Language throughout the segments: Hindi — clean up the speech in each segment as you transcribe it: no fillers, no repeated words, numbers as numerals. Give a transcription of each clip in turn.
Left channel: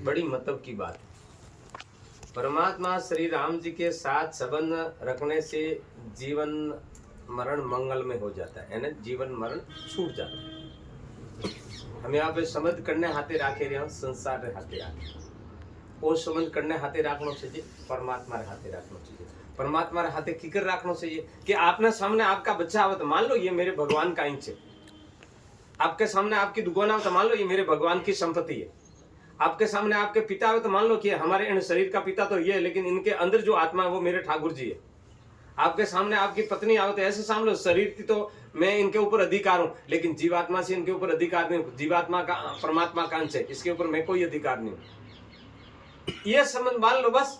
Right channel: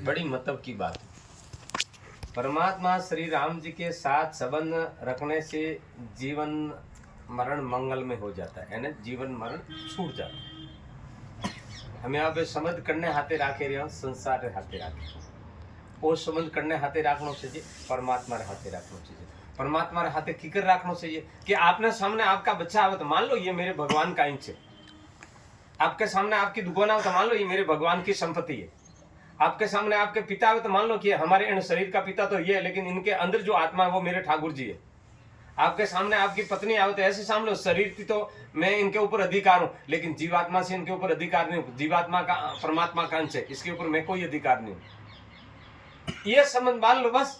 बड़ी मतलब की बात है। परमात्मा श्री राम जी के साथ संबंध रखने से जीवन मरण मंगल में हो जाता है, यानी जीवन मरण छूट जाता है। हमें यहाँ पे संबंध करने हाथे राखे रहे हो, संसार रे हाथे राखे और संबंध करने हाथे राखना चाहिए, परमात्मा रे हाथे रखना चाहिए। परमात्मा रे हाथे किकर रखना चाहिए कि आपने सामने आपका बच्चा आवे तो मान लो ये मेरे भगवान का इंच है। आपके सामने आपकी दुकान आवे तो मान लो ये मेरे भगवान की संपत्ति है। आपके सामने आपके पिता आवे तो मान लो कि हमारे इन शरीर का पिता तो ये है, लेकिन इनके अंदर जो आत्मा है वो मेरे ठाकुर जी है। आपके सामने आपकी पत्नी आवे तो ऐसे सामने शरीर की तो मैं इनके ऊपर अधिकार हूं, लेकिन जीवात्मा से इनके ऊपर अधिकार नहीं हूं। जीवात्मा का परमात्मा का अंश है, इसके ऊपर मैं कोई अधिकार नहीं हूं। ये संबंध मान लो बस।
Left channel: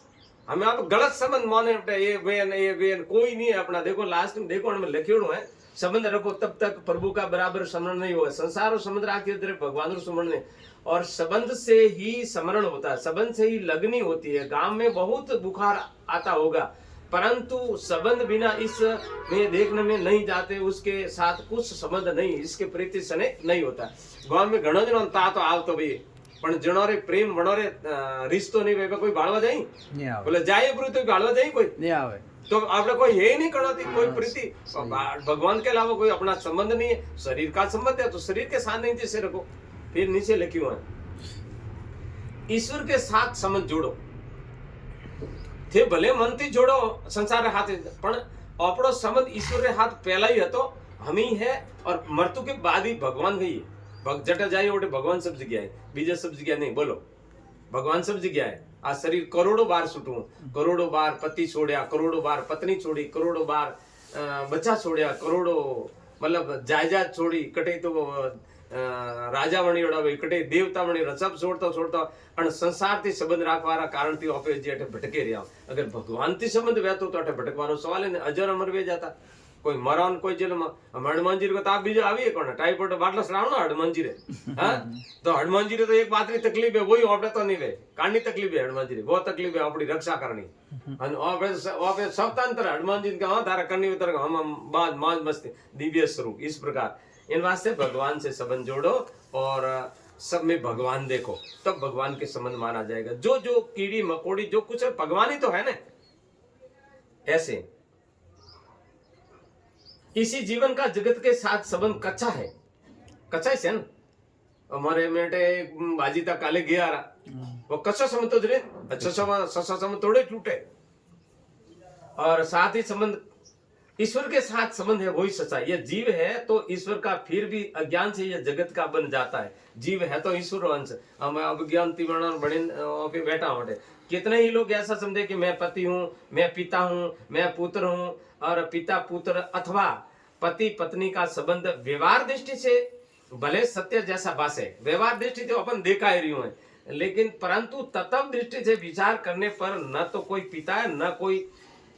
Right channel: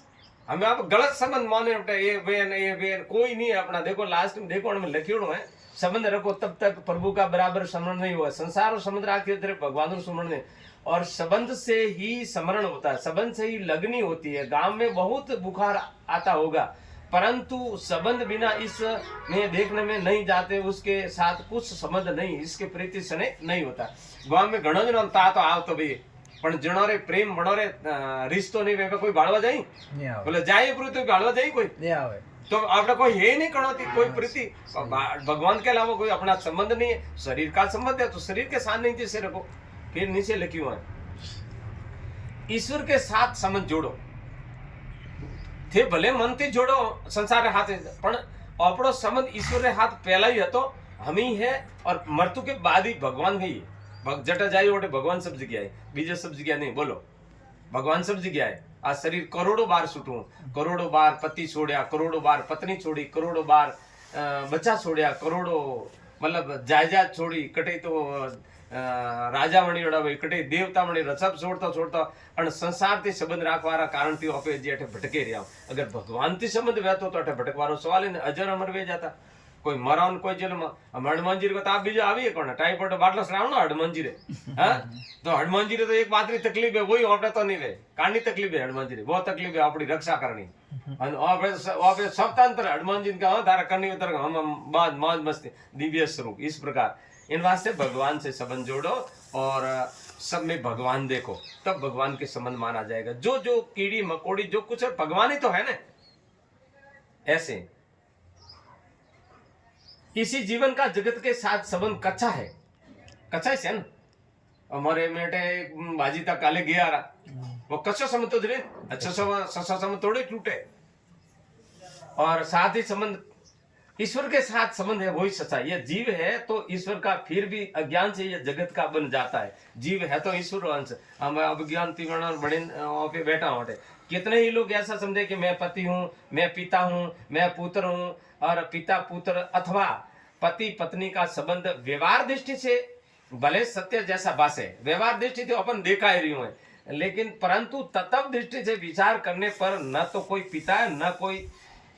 हमें आप गलत संबंध माने, ये वेन कोई नहीं है अपना। देखो लास्ट में देखो हमें लिखियों है संबंध रखो तब तक प्रभु का बराबर स्मरण नहीं होगा। संसार और संबंध राखते भगवान और स्मरण नहीं, और संबंध से ही स्मरण होता है, संबंध से ही लगनी होती है। गांव में बहुत बुखार आता होगा, परंतु संबंध बिना इस में देखने में नहीं जाते, उसके साथ कुछ संबंध नहीं, इसके प्रीति सने नहीं होता। गांव में घणो जनो ता तो आवतो भी, पण जणो रे प्रेम वणो रे रिश्तो नहीं वेगा कोई भाड़वा जाई नहीं आवे, बोले जाए ब्रु तो भाड़वा जाई कोई नहीं आवे। तो आपने कोई है नहीं कणोती कोई प्रीति भगवान के अलावा कोई अपना संबंध नहीं है। शरीर का संबंध है तो शरीर के साथ नहीं जैसे रखो। फिर नीचे लिखियो है ईश्वर के साथ संबंध जोड़ो थे, भले मन थी जोड़ो संसार रे हाथ, पण आपणो संबंध ईश्वर रे हाथ पहला ही हतो, हम ही है, और मृत्यु के बाद ही भगवान ही। जटा जाए ओटे भगवान सब जगह है, बीजे सब जगह नहीं। बोलो भगवान सब जगह है। आ शरीर करोड़ों बार छूटू, करोड़ों बार पति छोड़या, करोड़ों बार पत्नी छोड़ी, करोड़ों बार बच्चा छोड़या, करोड़ों मतलब जायदाद छोड़ी, कटे तो राजा बनी रड़ावे, कटे देवता बनी सब छोड़ता छोड़ता और संसार थी संबंध राखवारा कारण थी आपे जे अठे भटके रहा। अगर भगवान थी संबंध वहतो तो अठे भटकवारो सवाल ही नहीं, अजर अमर वे जाता। कोई मरान कोई जेल में हनुमान जी को ताप बीजो आवी कोने टाइफाइड बाटलो सरावनो हनुमान जी रे हां तो हनुमान जी रे तो एक बात री तकलीफ है, वही आपने तो नहीं वे कानी तकलीफ है हनुमान जी रे, वो तकलीफ है अपनी रक्षा करनी। और आपे स्वतंत्र हनुमान जी का धारा करनी उतर हम बाद मौज मस्ती दिव्य स्वरूप। इस प्रकार इन वास्ते भगवान से संबंध जोड़ो और सब में भगवान देखो, तब भगवान के संबंध माना जाएगा। जो जो कीड़ी मकोड़ी जो कुछ है भगवान ही तो है ना। ऐसे इसी जीवन का जगत के साथ संबंध कच्चा है, कच्चा है ना। हमारे मेटे भाजी तक काले गया रहा, वो कच्चा संबंध तो जरे अच्छा संबंध थोड़े टूटे। और साथ ही संबंध ईश्वर के साथ संबंध है, वही सच्चा। ये जीव है तो ईश्वर का, फिर भी अज्ञान से ये जगत का बन जाता है। जीव है तो ईश्वर अंश, हम अज्ञान तिवर्ण बड़े पे बैठा होते। कितने ही लोग ऐसा समझे कि मैं पति हूँ, मैं पिता हूँ, मैं पुत्र हूँ, और पिता पुत्र अथवा पति पत्नी का संबंध व्यवहार दृष्टि से भले सत्य जैसा बास है, व्यवहार दृष्टि तो अपन देखा ही रही है, लेकिन परंतु तत्व दृष्टि से विचार करने पर न तो कोई पिता है, न कोई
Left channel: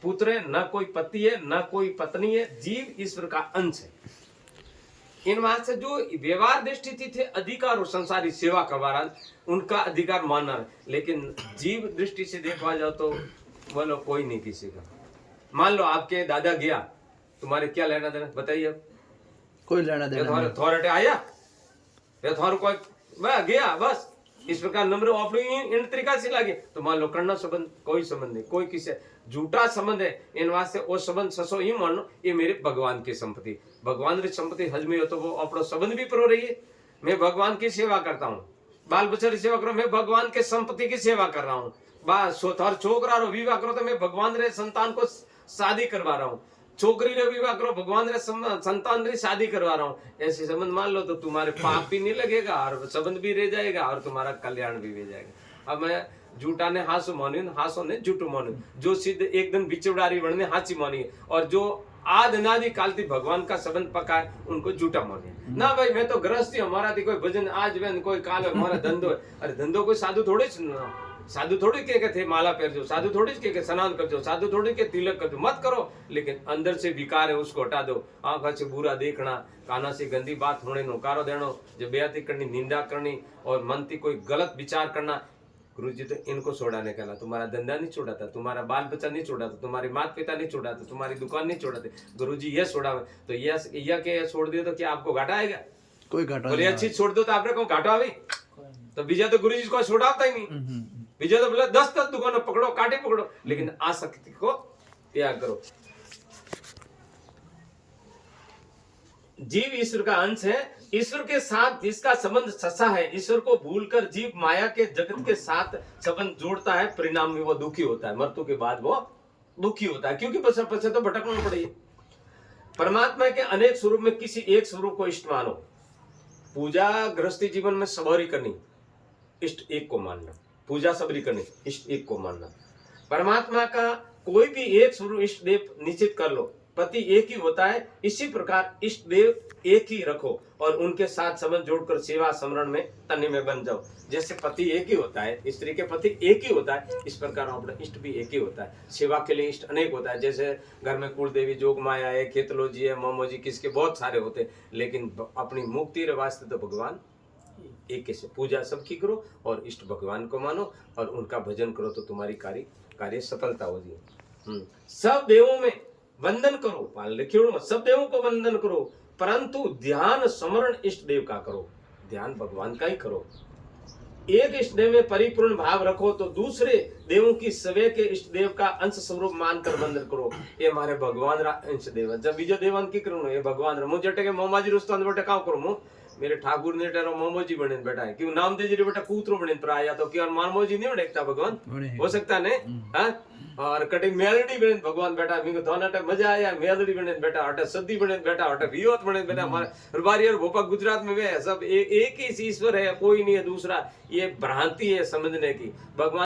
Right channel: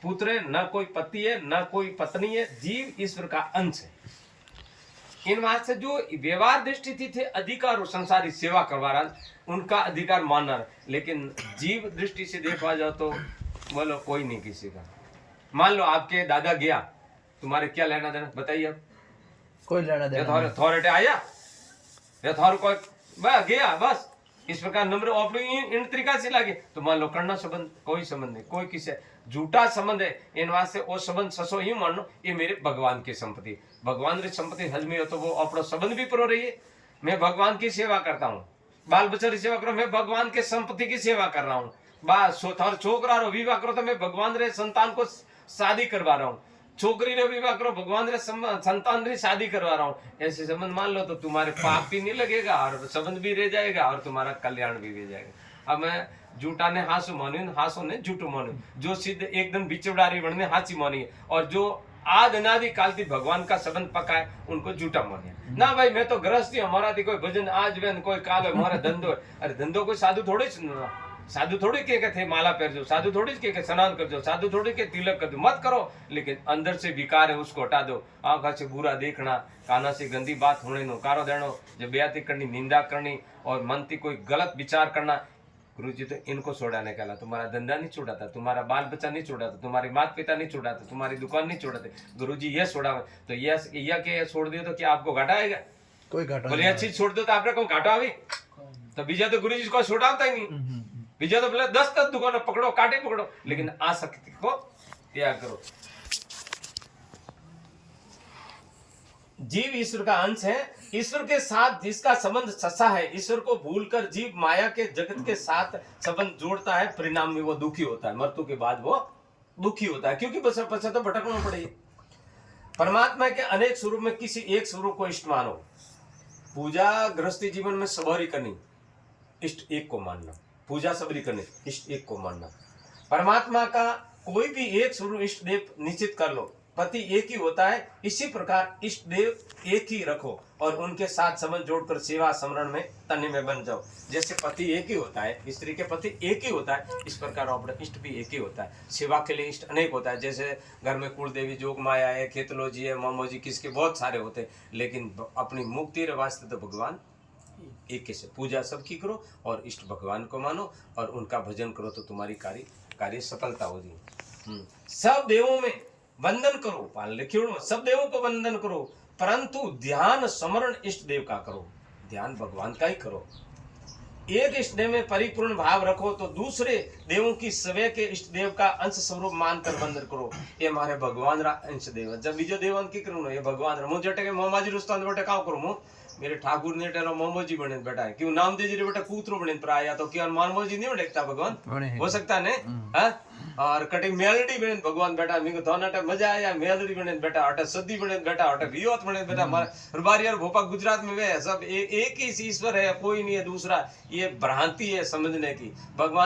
पुत्र है, न कोई पति है, न कोई पत्नी है। जीव ईश्वर का अंश है। इन बात से जो व्यवहार दृष्टि थी थे अधिकार और संसारी सेवा करवा रहा, उनका अधिकार मानना है। लेकिन जीव दृष्टि से देखा जाओ तो बोलो कोई नहीं किसी का। मान लो आपके दादा गया, तुम्हारे क्या लेना देना बताइए। अब कोई लेना देना अथॉरिटी आया थोर कोई गया बस। इस प्रकार नंबर अपने इन तरीका से लगे तो मान लो करना संबंध कोई संबंध नहीं, कोई किसी झूठा संबंध है। इन वास्ते वो संबंध ससो ही मान लो ये मेरे भगवान की संपत्ति, भगवान की संपत्ति हजमी हो तो वो अपना संबंध भी प्रो रही है। मैं भगवान की सेवा करता हूँ, बाल बच्चा की सेवा करो, मैं भगवान के संपत्ति की सेवा कर रहा हूँ। थोर छोकरा रो विवाह करो तो मैं भगवान रे संतान को शादी करवा रहा हूँ, छोकरी रे विवाह करो भगवान रे संतान री शादी करवा रहा हूँ। ऐसे संबंध मान लो तो तुम्हारे पाप भी नहीं लगेगा और संबंध भी रह जाएगा और तुम्हारा कल्याण भी रह जाएगा। अब मैं झूठा ने हासु मानी, हासो ने झूठो मानी, जो सिद्ध एक दिन बिचौड़ारी बनने हाची मानी, और जो आद अनादि काल थी भगवान का संबंध पका है उनको झूठा मानिए ना। भाई मैं तो गृहस्थी, हमारा थी कोई भजन आज वे कोई काल है, हमारा धंधो है। अरे धंधो कोई साधु थोड़े साधु थोड़ी के थे माला पहन जो, साधु थोड़ी के स्नान कर जो, साधु थोड़ी के तिलक कर दो, मत करो। लेकिन अंदर से विकार है उसको हटा दो। आंखा से बुरा देखना, काना से गंदी बात होने नो, कारो देनो जब बेयाती करनी, निंदा करनी और मन थी कोई गलत विचार करना। गुरु जी तो इनको छोड़ाने का, तुम्हारा धंधा नहीं छोड़ाता, तुम्हारा बाल बच्चा नहीं छोड़ाता, तुम्हारे माता पिता नहीं छोड़ाते, तुम्हारी दुकान नहीं छोड़ाते। गुरु जी ये छोड़ा तो यह छोड़ दियो तो क्या आपको घाटा आएगा? कोई घाटा बोले अच्छी छोड़ दो तो आपने को घाटा आवे? तो बीजा तो गुरु जी को छोड़ाता ही नहीं, बीजा तो बोले 10 दुकानों पकड़ो, कांटे पकड़ो, लेकिन आसक्ति को त्याग करो। जीव ईश्वर का अंश है, ईश्वर के साथ जिसका संबंध सच्चा है, ईश्वर को भूलकर जीव माया के जगत के साथ संबंध जोड़ता है, परिणाम में वो दुखी होता है, मृत्यु के बाद वो दुखी होता है, क्योंकि पश्चात तो भटकना पड़ेगी। परमात्मा के अनेक स्वरूप में किसी एक स्वरूप को इष्ट मानो। पूजा गृहस्थी जीवन में सबरी करनी, इष्ट एक को मानना, पूजा सबरी करनी, इष्ट एक को मानना। परमात्मा का कोई भी एक स्वरूप इष्ट देव निश्चित कर लो, पति एक ही होता है, इसी प्रकार इष्ट देव एक ही रखो और उनके साथ संबंध जोड़कर सेवा समरण में तन्ने में बन जाओ। जैसे पति एक ही होता है, स्त्री के पति एक ही होता है, इस प्रकार अपना इष्ट भी एक ही होता है। सेवा के लिए इष्ट अनेक होता है, जैसे घर में कुल देवी, जोग माया है, खेतलो जी है, मोमो जी, किसके बहुत सारे होते हैं, लेकिन अपनी मुक्ति रे वास्ते तो भगवान एक से। पूजा सबकी करो और इष्ट भगवान को मानो और उनका भजन करो तो तुम्हारी कार्य सफलता होगी। सब देवों में वंदन करो, पाल लिखियो, सब देवों को वंदन करो, परंतु ध्यान स्मरण इष्ट देव का करो, ध्यान भगवान का ही करो। एक इष्ट देव में परिपूर्ण भाव रखो तो दूसरे देवों की सवे के इष्ट देव का अंश स्वरूप मानकर वंदन करो। ये हमारे भगवान रा अंश देव, जब बीजो देवन की करूँ ये भगवान रा, मुझे जटे के मोमाजी रुस्तो बेटा का करूँ, मेरे ठाकुर ने टेरो मोमोजी बने बैठा है, क्यों नाम दे जी बेटा पुत्रो बने प्राया, तो क्यों मानमोजी नहीं देखता भगवान, हो सकता है ने। और कटिंग मेलडी बने भगवान बैठा, मेरे को दोनों टाइम मजा आया, मेलडी बने बैठा, अटा सदी बने बैठा, अटा रियोत बने बैठा। हमारे रुबारी और भोपा गुजरात में वे सब एक ही ईश्वर है, कोई नहीं है दूसरा, ये भ्रांति है समझने की। भगवान